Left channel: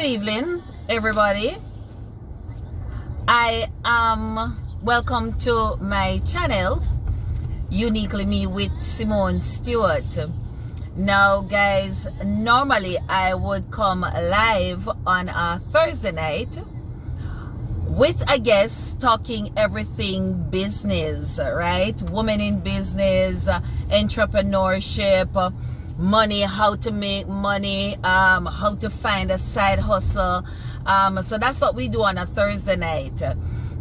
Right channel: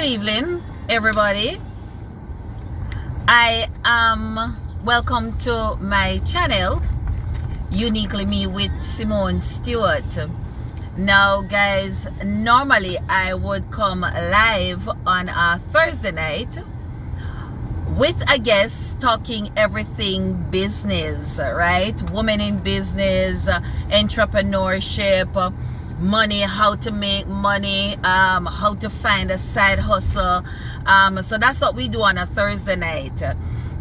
Good evening, everybody. I am welcome to my channel, Uniquely Me with Simone Stewart. Now, guys, normally I would come live on a Thursday night with a guest talking everything business, right? Women in business, entrepreneurship, money, how to make money, how to find a side hustle. So that's what we do on a Thursday night.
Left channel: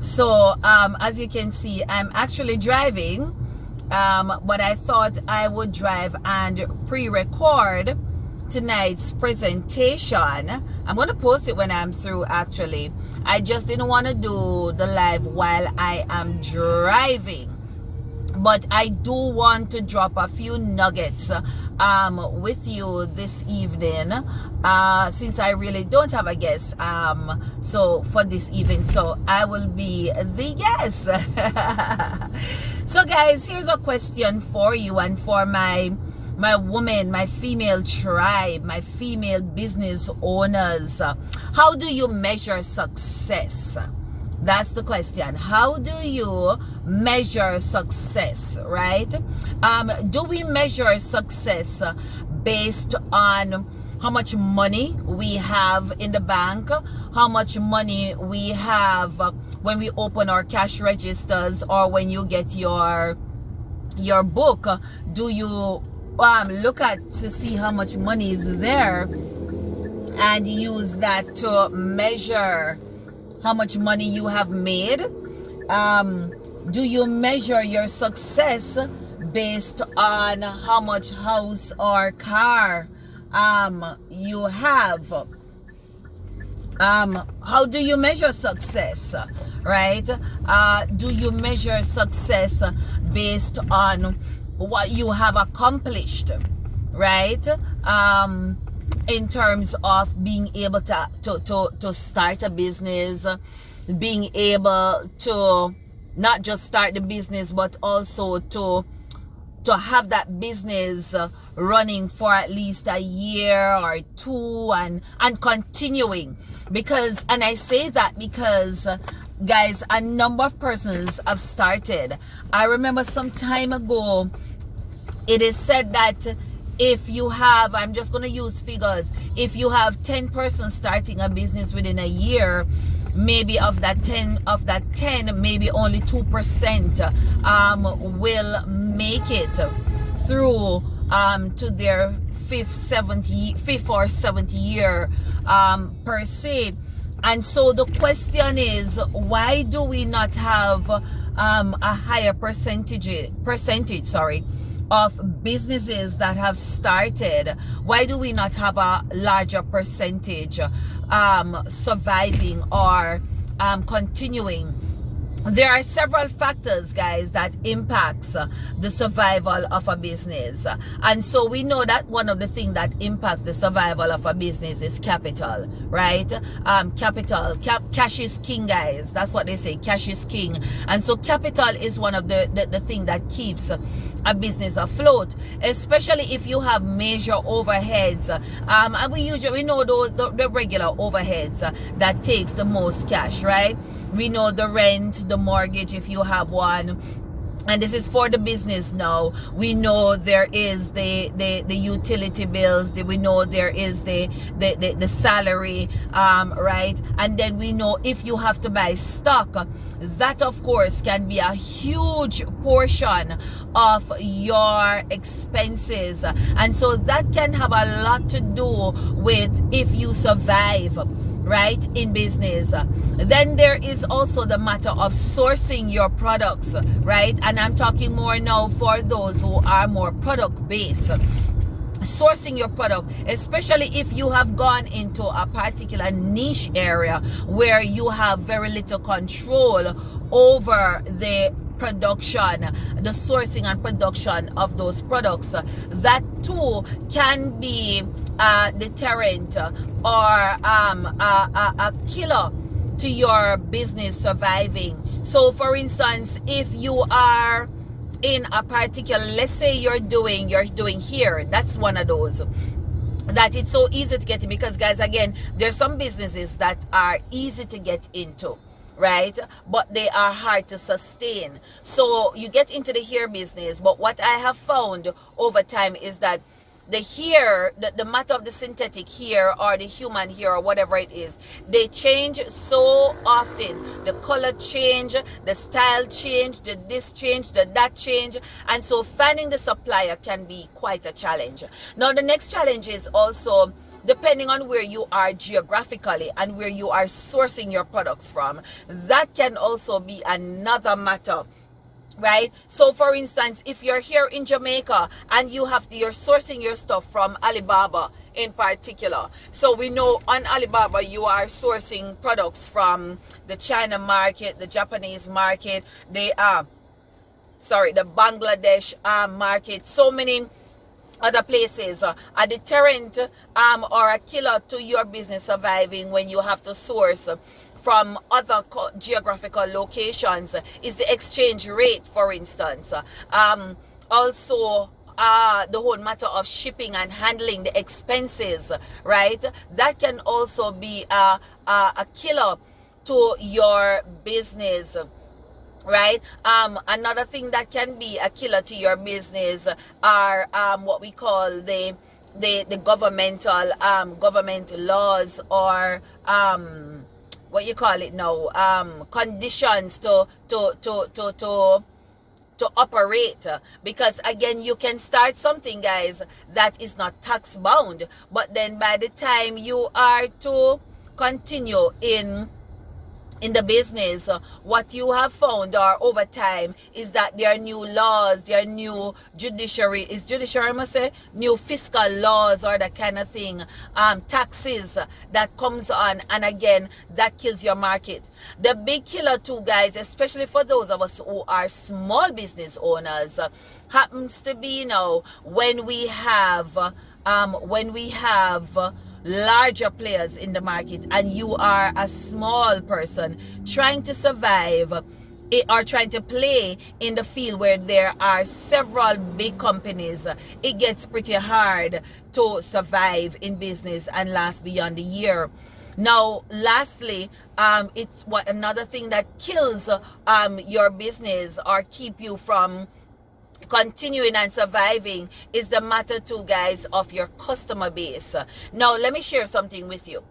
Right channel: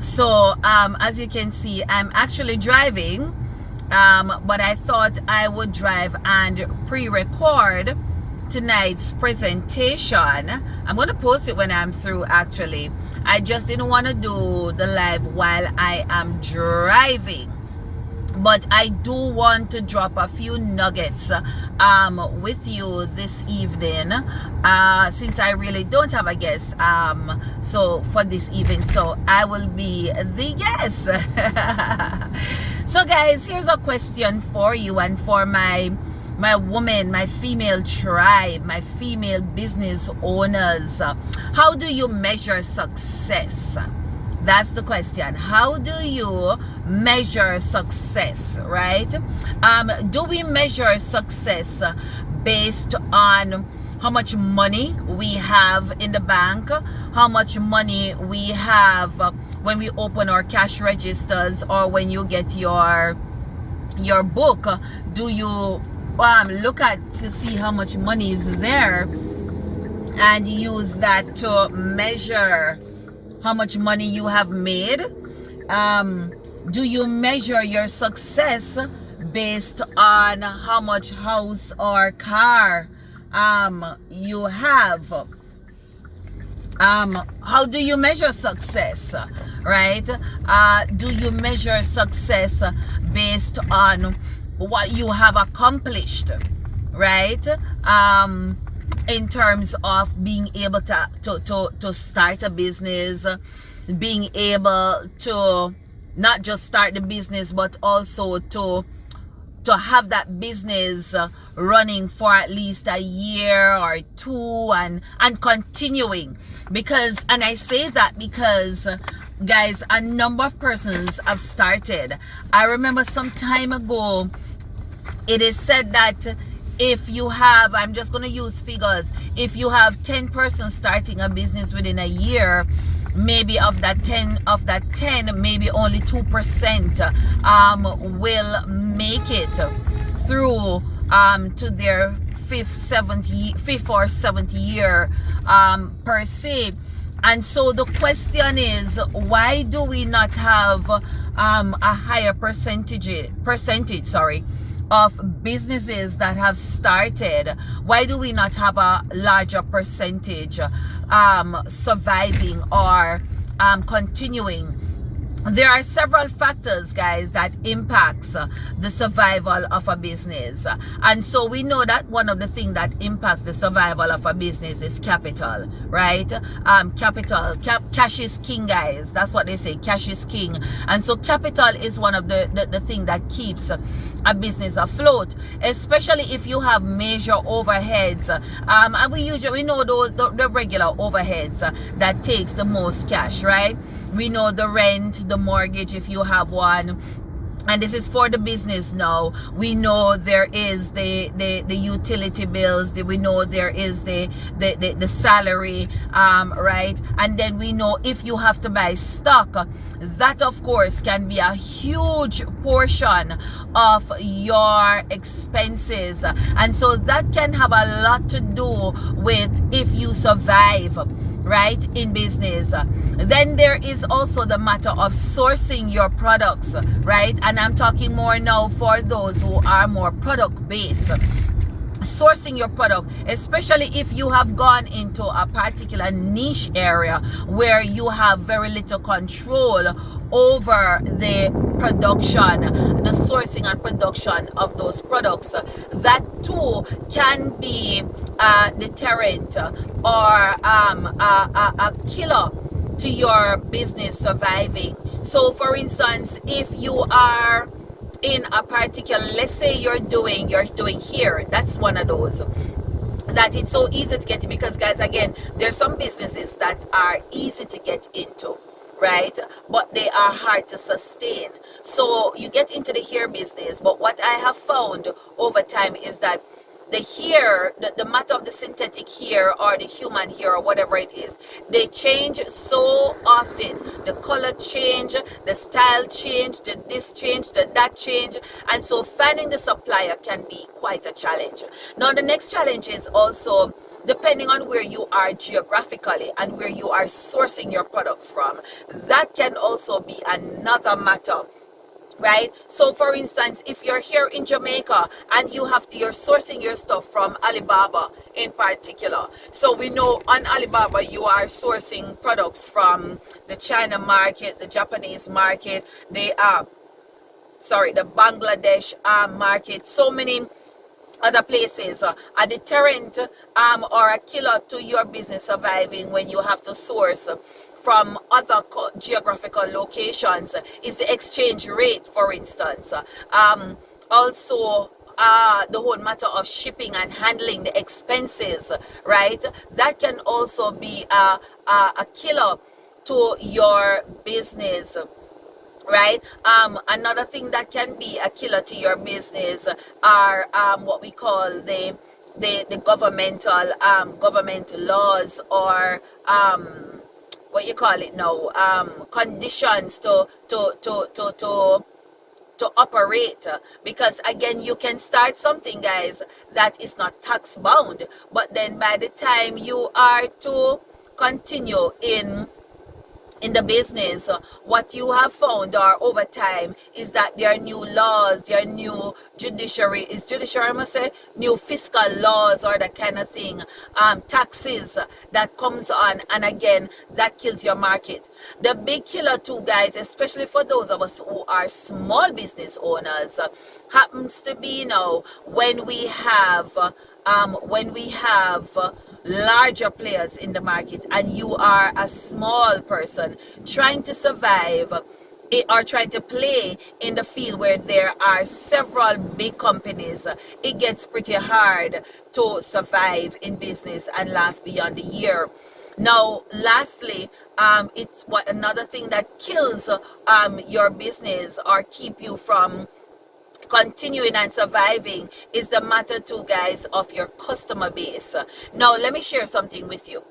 So as you can see, I'm actually driving, but I thought I would drive and pre-record tonight's presentation. I'm going to post it when I'm through. Actually, I just didn't want to do the live while I am driving, but I do want to drop a few nuggets with you this evening, since I really don't have a guest so for this evening, so I will be the guest. So guys, here's a question for you and for my woman, my female tribe, my female business owners. How do you measure success? That's the question. How do you measure success, right? Do we measure success based on how much money we have in the bank, how much money we have when we open our cash registers, or when you get your book? Do you look at to see how much money is there and use that to measure how much money you have made? Do you measure your success based on how much house or car you have? How do you measure success, right? Do you measure success based on what you have accomplished, right? In terms of being able to start a business, being able to not just start the business, but also to have that business running for at least a year or two and continuing. Because, and I say that because, guys, a number of persons have started. I remember some time ago, it is said that if you have, I'm just going to use figures, if you have 10 persons starting a business within a year, maybe of that 10, maybe only 2% will make it through to their fifth or seventh year per se. And so the question is, why do we not have a higher percentage of businesses that have started? Why do we not have a larger percentage surviving or continuing? There are several factors, guys, that impacts the survival of a business. And so we know that one of the things that impacts the survival of a business is capital, right? Cash is king, guys. That's what they say, cash is king. And so capital is one of the thing that keeps a business afloat, especially if you have major overheads. And we know the regular overheads that takes the most cash, right? We know the rent, the mortgage, if you have one. And this is for the business now. We know there is the utility bills. We know there is the salary, right? And then we know if you have to buy stock, that of course can be a huge portion of your expenses. And so that can have a lot to do with if you survive, right, in business. Then there is also the matter of sourcing your products, right? And I'm talking more now for those who are more product based. Sourcing your product, especially if you have gone into a particular niche area where you have very little control over the production, the sourcing and production of those products. That too can be a deterrent or a killer to your business surviving. So for instance, if you are in a particular, let's say you're doing here, that's one of those. that it's so easy to get in, because guys, again, there's some businesses that are easy to get into, right, but they are hard to sustain. So you get into the hair business, but what I have found over time is that the hair, the matter of the synthetic hair or the human hair or whatever it is, they change so often. The color change, the style change, the this change, the that change, and so finding the supplier can be quite a challenge. Now the next challenge is also, depending on where you are geographically and where you are sourcing your products from, that can also be another matter, right? So for instance, if you're here in Jamaica and you're sourcing your stuff from Alibaba in particular, so we know on Alibaba you are sourcing products from the China market, the Japanese market, the Bangladesh market, so many other places. A deterrent or a killer to your business surviving when you have to source from other geographical locations is the exchange rate, for instance. Also, the whole matter of shipping and handling, the expenses, right? That can also be a killer to your business, right? Another thing that can be a killer to your business are what we call the governmental government laws, or what you call it now, conditions to operate. Because again, you can start something, guys, that is not tax bound, but then by the time you are to continue in the business, what you have found or over time is that there are new laws, there are new I must say, new fiscal laws or that kind of thing, taxes that comes on, and again, that kills your market. The big killer too, guys, especially for those of us who are small business owners, happens to be now when we have larger players in the market and you are a small person trying to survive or trying to play in the field where there are several big companies. It gets pretty hard to survive in business and last beyond the year. Now lastly, it's another thing that kills your business or keep you from continuing and surviving is the matter too, guys, of your customer base. Now let me share something with you.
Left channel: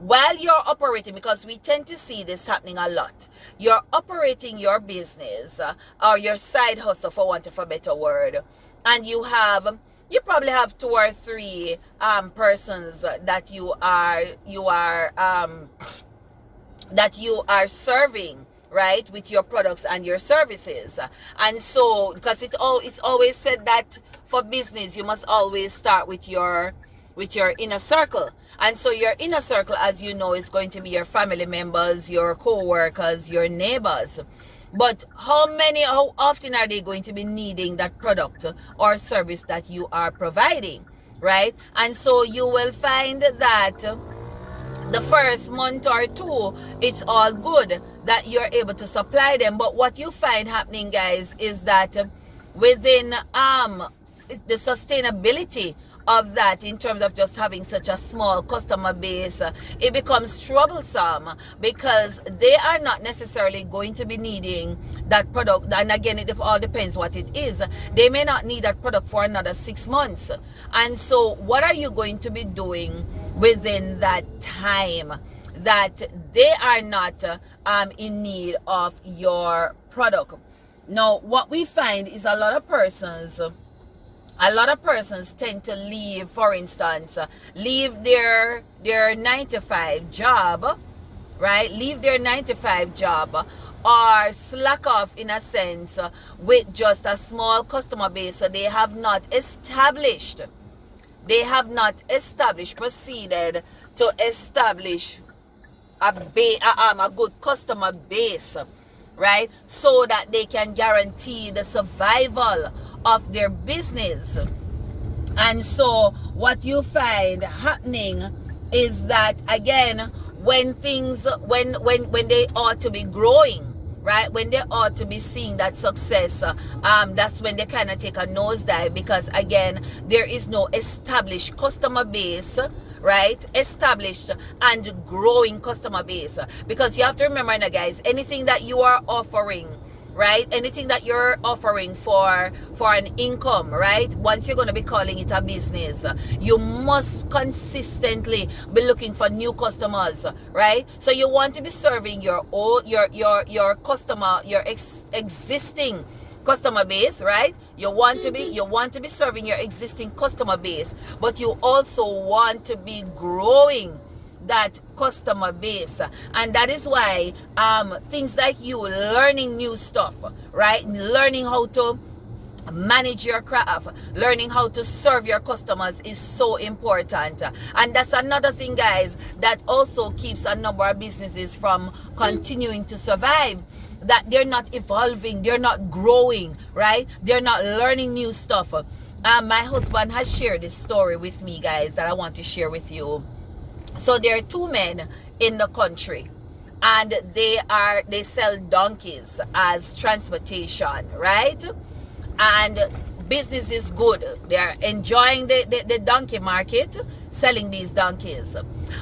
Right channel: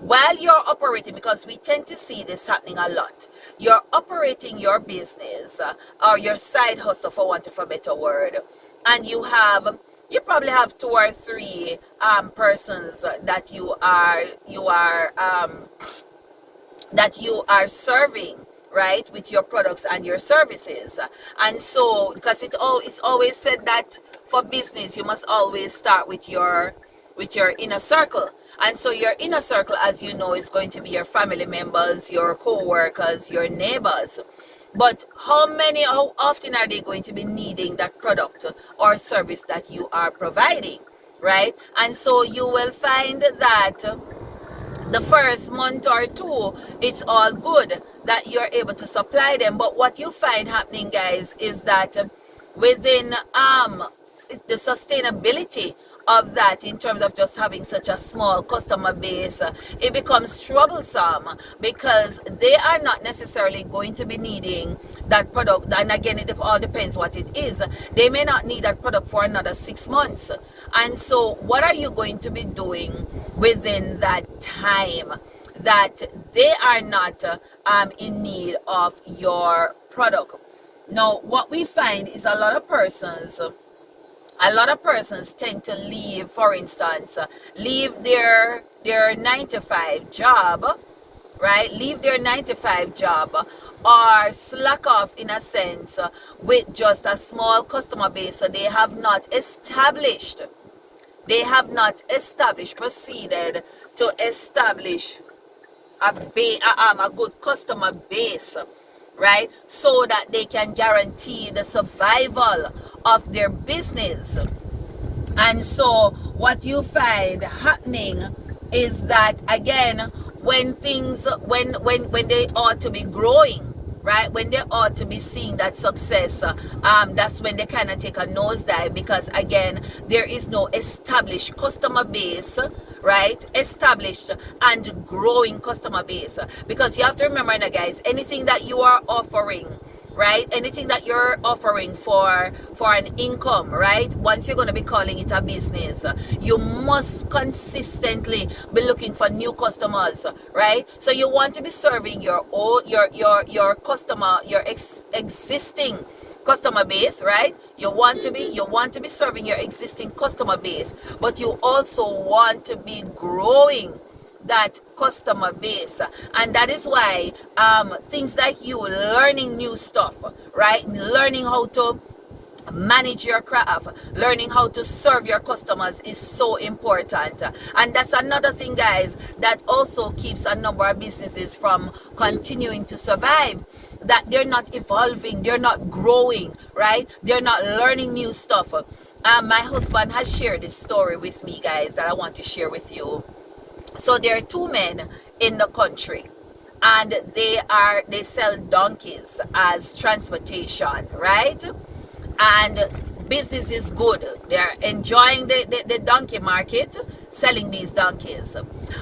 While you're operating, because we tend to see this happening a lot, you're operating your business or your side hustle, for want of a better word, and you probably have 2 or 3 persons that you are serving, right, with your products and your services. And so, because it's always said that for business you must always start with your inner circle. And so your inner circle, as you know, is going to be your family members, your co-workers, your neighbors. But how often are they going to be needing that product or service that you are providing, right? And so you will find that the first month or 2, it's all good that you're able to supply them. But what you find happening, guys, is that within the sustainability of that, in terms of just having such a small customer base, it becomes troublesome, because they are not necessarily going to be needing that product. And again, it all depends what it is. They may not need that product for another 6 months. And so what are you going to be doing within that time that they are not in need of your product? Now what we find is a lot of persons tend to leave, for instance, leave their 9-to-5 job, right? Leave their 9-to-5 job, or slack off in a sense with just a small customer base. So they have not proceeded to establish a good customer base, right? So that they can guarantee the survival of their business. And so what you find happening is that, again, when they ought to be growing, right? When they ought to be seeing that success, that's when they kind of take a nosedive, because again, there is no established customer base, right? Established and growing customer base. Because you have to remember now, guys, anything that you are offering, right, anything that you're offering for an income, right, once you're going to be calling it a business, you must consistently be looking for new customers, right? So you want to be serving your old your customer, your existing customer base, right? You want to be serving your existing customer base, but you also want to be growing that customer base. And that is why things like you learning new stuff, right, learning how to manage your craft, learning how to serve your customers is so important. And that's another thing, guys, that also keeps a number of businesses from continuing to survive, that they're not evolving, they're not growing, right? They're not learning new stuff. My husband has shared this story with me, guys, that I want to share with you. So there are two men in the country, and they sell donkeys as transportation, right? And business is good. They're enjoying the donkey market, selling these donkeys.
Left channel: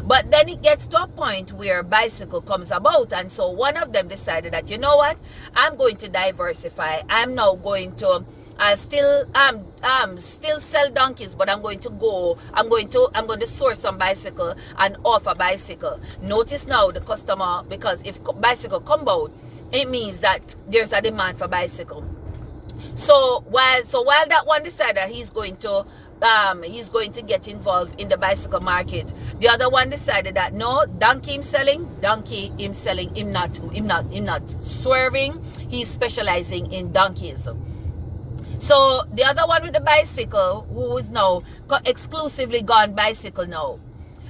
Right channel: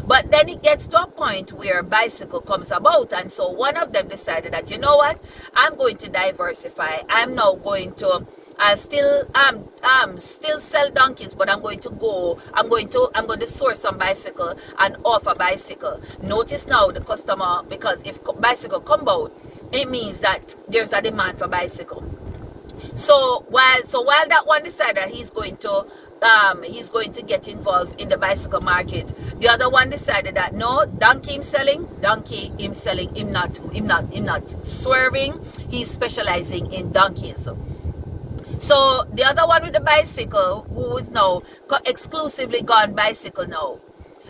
But then it gets to a point where bicycle comes about, and so one of them decided that, you know what, I'm going to diversify. I'm now going to still sell donkeys, but I'm going to source some bicycle and offer bicycle. Notice now the customer, because if bicycle come out, it means that there's a demand for bicycle. So while that one decided that he's going to get involved in the bicycle market, the other one decided that no, donkey him selling, him not swerving, he's specializing in donkeys. So the other one with the bicycle, who is now exclusively gone bicycle now,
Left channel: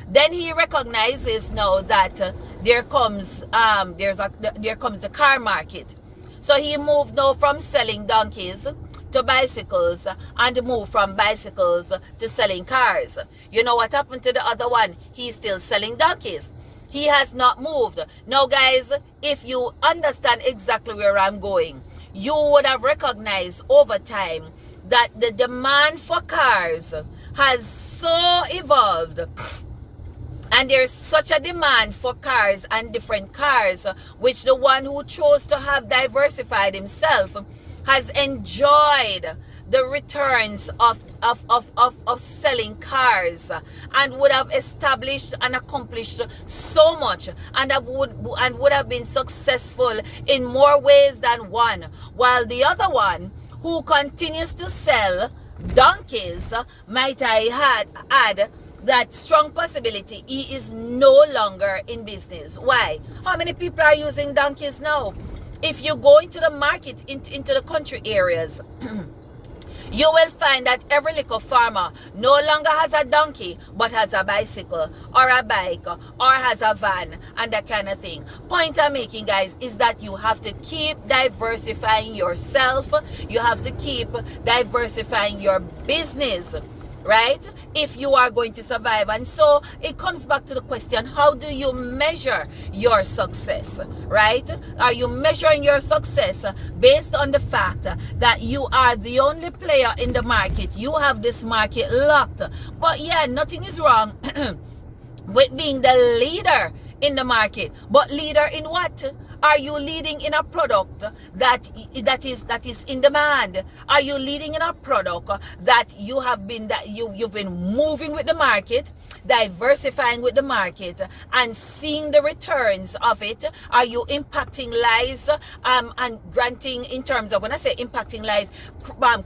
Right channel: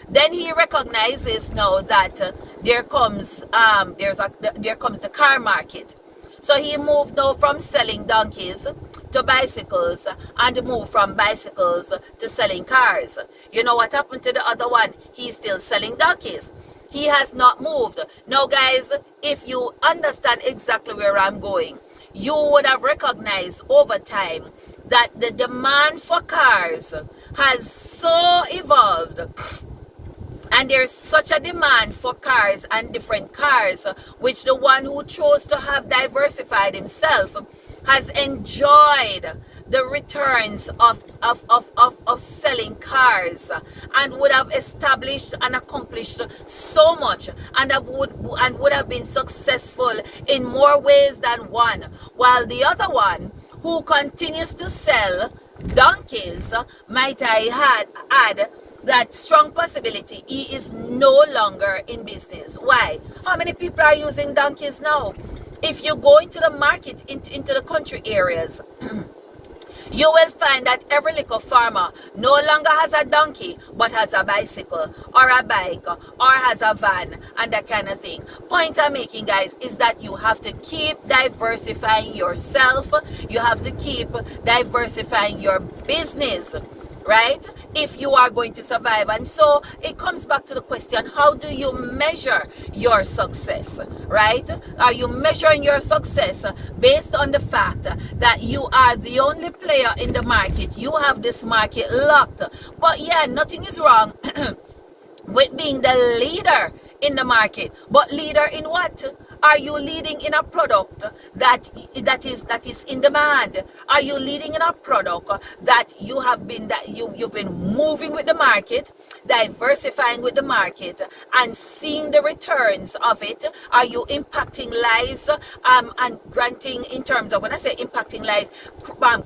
then he recognizes now that there comes the car market. So he moved now from selling donkeys to bicycles, and moved from bicycles to selling cars. You know what happened to the other one? He's still selling donkeys. He has not moved. Now, guys, if you understand exactly where I'm going, you would have recognized over time that the demand for cars has so evolved, and there's such a demand for cars and different cars, which the one who chose to have diversified himself has enjoyed the returns of selling cars, and would have established and accomplished so much, and would have been successful in more ways than one, while the other one, who continues to sell donkeys, might I add that strong possibility he is no longer in business. Why? How many people are using donkeys now? If you go into the market, into the country areas, you will find that every little farmer no longer has a donkey, but has a bicycle or a bike or has a van and that kind of thing. Point I'm making, guys, is that you have to keep diversifying yourself. You have to keep diversifying your business, right, if you are going to survive. And so it comes back to the question, how do you measure your success, right? Are you measuring your success based on the fact that you are the only player in the market? You have this market locked. But yeah, nothing is wrong with being the leader in the market. But leader in what? Are you leading in a product that is in demand? Are you leading in a product that you've been moving with the market, diversifying with the market, and seeing the returns of it? Are you impacting lives and granting, in terms of, when I say impacting lives,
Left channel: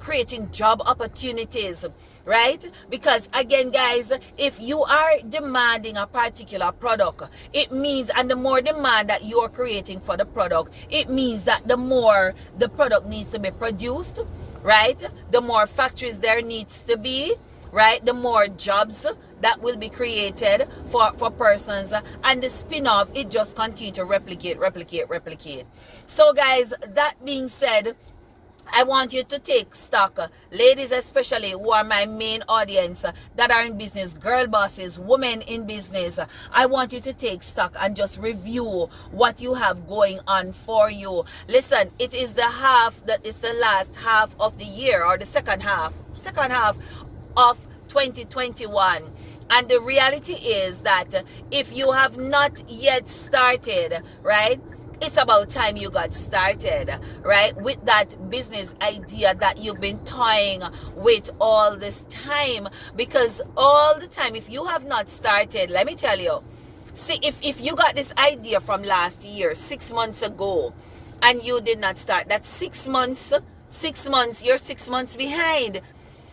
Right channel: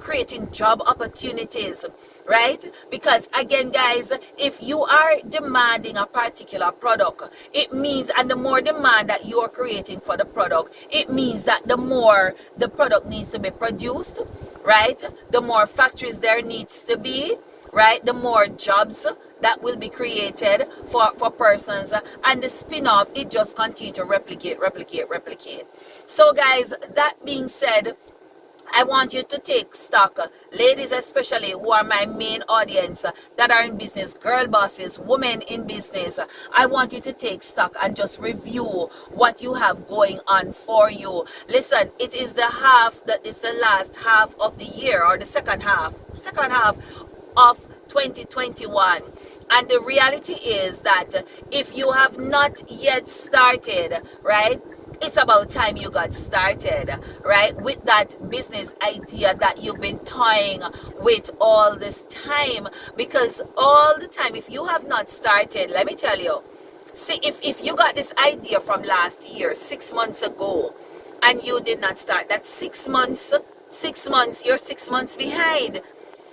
creating job opportunities, right? Because again, guys, if you are demanding a particular product, it means, and the more demand that you are creating for the product, it means that the more the product needs to be produced, right? The more factories there needs to be, right? The more jobs that will be created for persons, and the spin-off, it just continue to replicate. So guys, that being said, I want you to take stock, ladies especially, who are my main audience, that are in business, girl bosses, women in business. I want you to take stock and just review what you have going on for you. Listen, it is it's the last half of the year, or the second half of 2021. And the reality is that if you have not yet started, right, it's about time you got started, right, with that business idea that you've been toying with all this time. Because all the time, if you have not started, let me tell you, see, if you got this idea from last year, 6 months ago, and you did not start, that's 6 months, you're 6 months behind.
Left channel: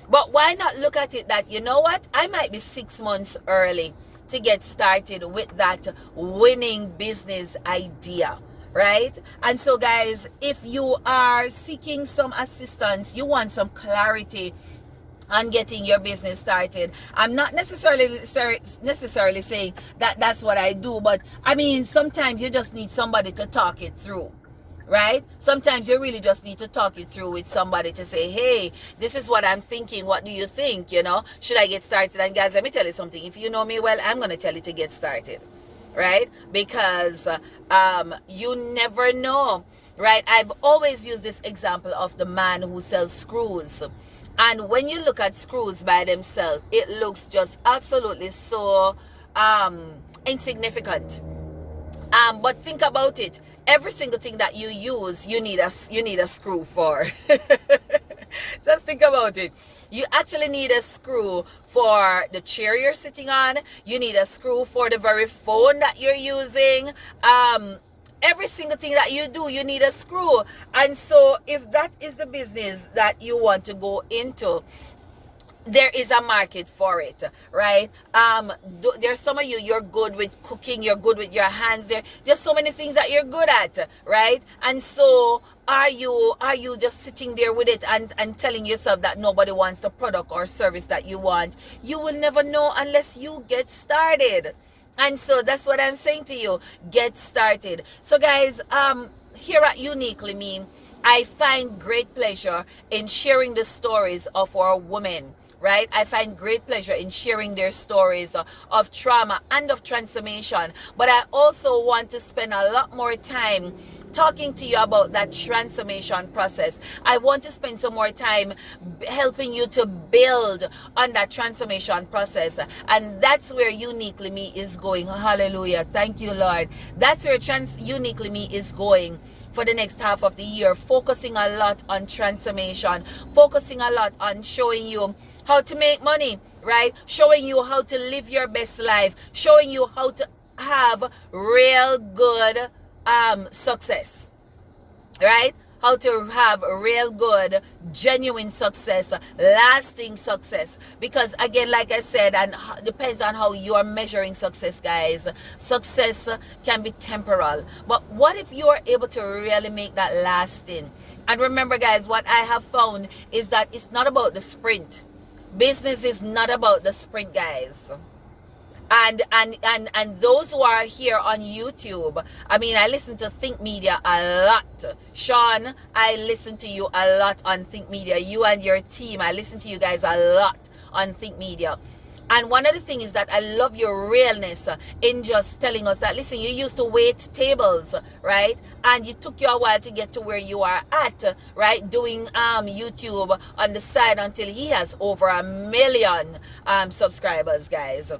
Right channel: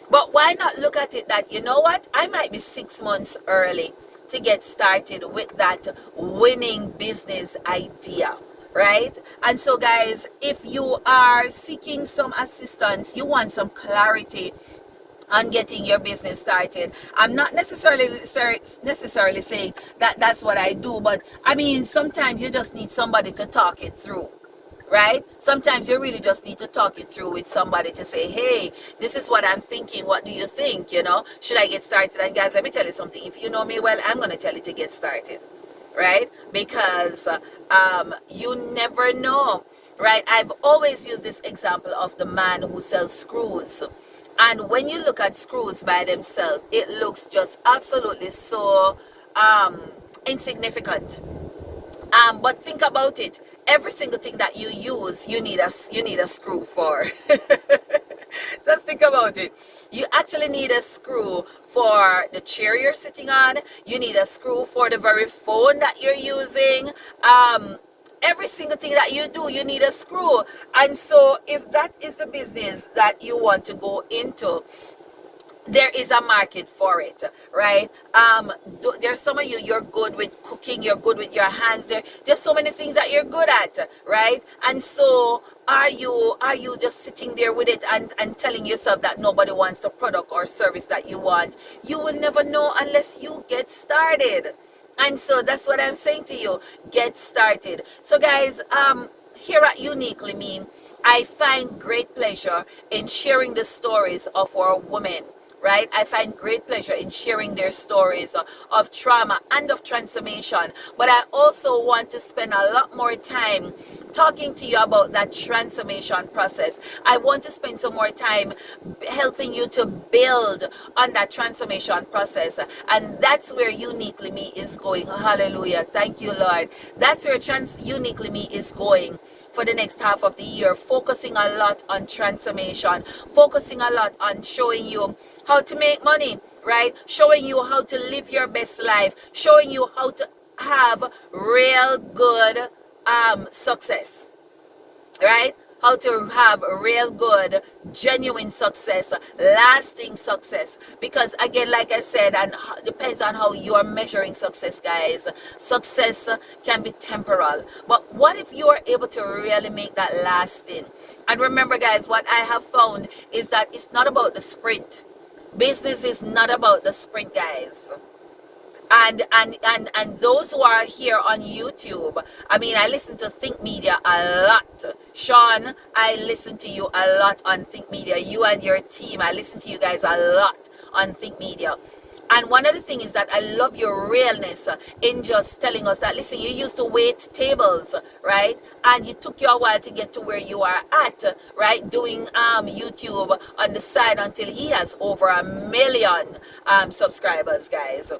But why not look at it that, you know what, I might be 6 months early to get started with that winning business idea, right? And so guys, if you are seeking some assistance, you want some clarity on getting your business started, I'm not necessarily saying that that's what I do, but I mean, sometimes you just need somebody to talk it through, right? Sometimes you really just need to talk it through with somebody to say, hey, this is what I'm thinking, what do you think, should I get started? And guys, let me tell you something, if you know me well, I'm going to tell you to get started, right? Because you never know, right? I've always used this example of the man who sells screws. And when you look at screws by themselves, it looks just absolutely so insignificant. But think about it. Every single thing that you use, you need a screw for. Just think about it. You actually need a screw for the chair you're sitting on. You need a screw for the very phone that you're using. Every single thing that you do, you need a screw. And so if that is the business that you want to go into, there is a market for it, right? There's some of you're good with cooking, you're good with your hands. There's so many things that you're good at, right? And so are you just sitting there with it and telling yourself that nobody wants the product or service that you want? You will never know unless you get started. And so that's what I'm saying to you. Get started. So guys, here at Uniquely Me, I find great pleasure in sharing the stories of our women, right? I find great pleasure in sharing their stories of trauma and of transformation. But I also want to spend a lot more time talking to you about that transformation process. I want to spend some more time helping you to build on that transformation process. And that's where Uniquely Me is going. Hallelujah. Thank you, Lord. That's where Uniquely Me is going for the next half of the year, focusing a lot on transformation, focusing a lot on showing you how to make money, right? Showing you how to live your best life, showing you how to have real good success, right? How to have real good, genuine success, lasting success. Because again, like I said, and depends on how you are measuring success, guys. Success can be temporal. But what if you are able to really make that lasting? And remember, guys, what I have found is that it's not about the sprint. Business is not about the sprint, guys. And those who are here on YouTube, I mean, I listen to Think Media a lot. Sean, I listen to you a lot on Think Media. You and your team, I listen to you guys a lot on Think Media. And one of the things is that I love your realness in just telling us that, listen, you used to wait tables, right? And you took you a while to get to where you are at, right? Doing YouTube on the side until he has over 1 million subscribers, guys.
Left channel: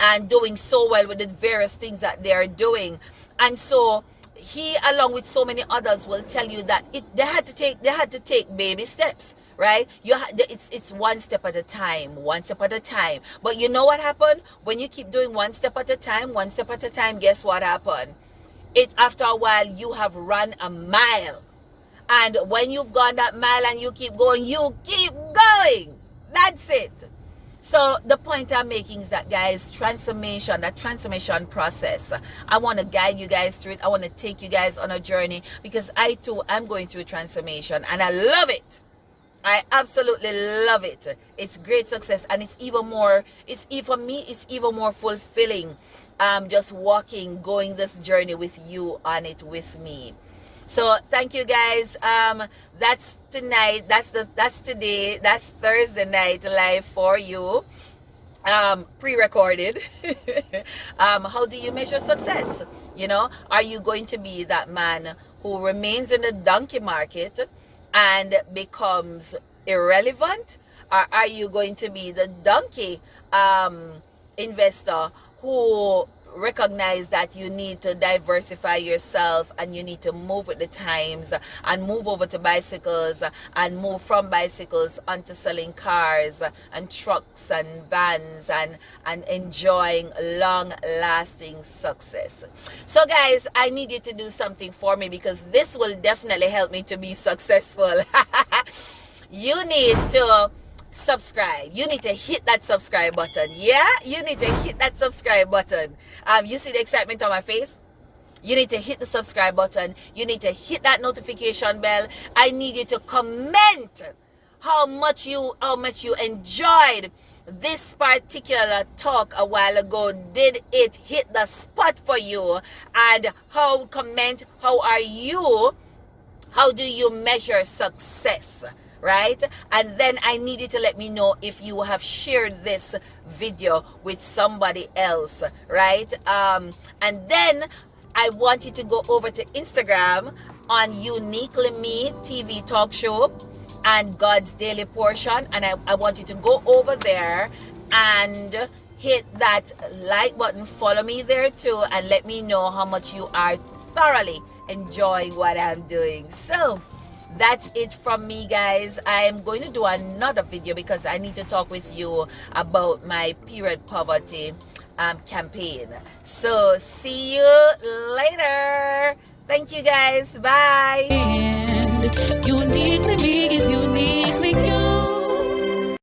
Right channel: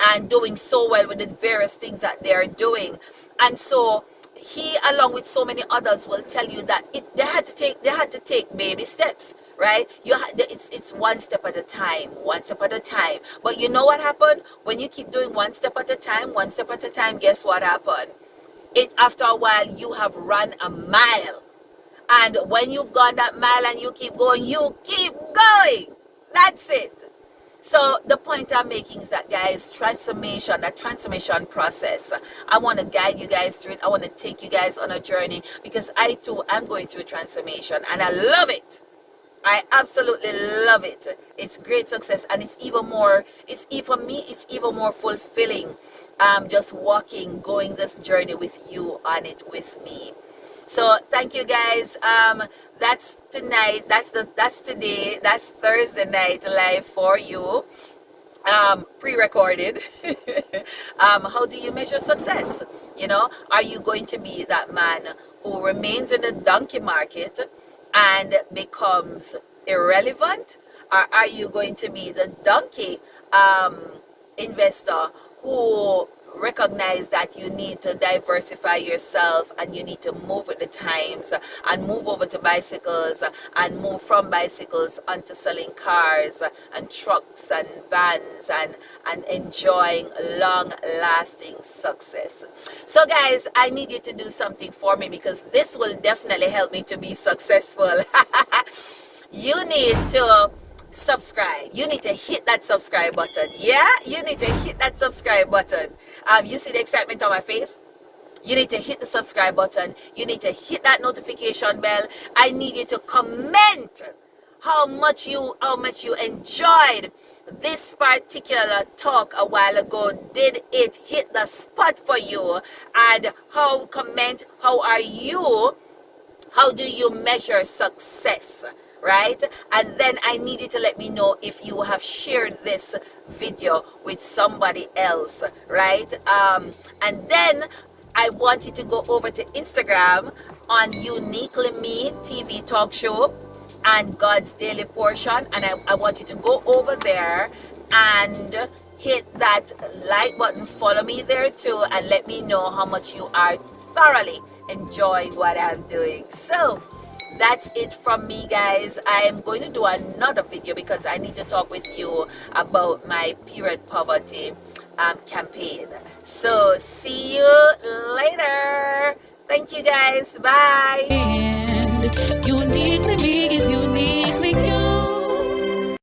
And doing so well with the various things that they're doing. And so he, along with so many others, will tell you that they had to take baby steps, right? It's one step at a time. But you know what happened? When you keep doing one step at a time, guess what happened? After a while, you have run a mile. And when you've gone that mile and you keep going, That's it. So the point I'm making is that, guys, that transformation process, I want to guide you guys through it. I want to take you guys on a journey, because I too am going through transformation and I love it. I absolutely love it. It's great success, and it's even more fulfilling just going this journey with you on it with me. So thank you guys. That's tonight. That's today. That's Thursday night live for you. Pre-recorded. How do you measure success? Are you going to be that man who remains in the donkey market and becomes irrelevant, or are you going to be the donkey investor who recognize that you need to diversify yourself and you need to move with the times and move over to bicycles and move from bicycles onto selling cars and trucks and vans and enjoying long lasting success? So guys, I need you to do something for me because this will definitely help me to be successful. You need to subscribe. You need to hit that subscribe button. Yeah, you need to hit that subscribe button. You see the excitement on my face? You need to hit the subscribe button. You need to hit that notification bell. I need you to comment how much you enjoyed this particular talk a while ago. Did it hit the spot for you? And how do you measure success? Right? And then I need you to let me know if you have shared this video with somebody else, right? And then I want you to go over to Instagram on Uniquely Me TV talk show and God's Daily Portion, and I want you to go over there and hit that like button, follow me there too, and let me know how much you are thoroughly enjoying what I'm doing. So that's it from me, guys. I am going to do another video because I need to talk with you about my period poverty campaign. So see you later. Thank you guys. Bye. And uniquely me is uniquely you.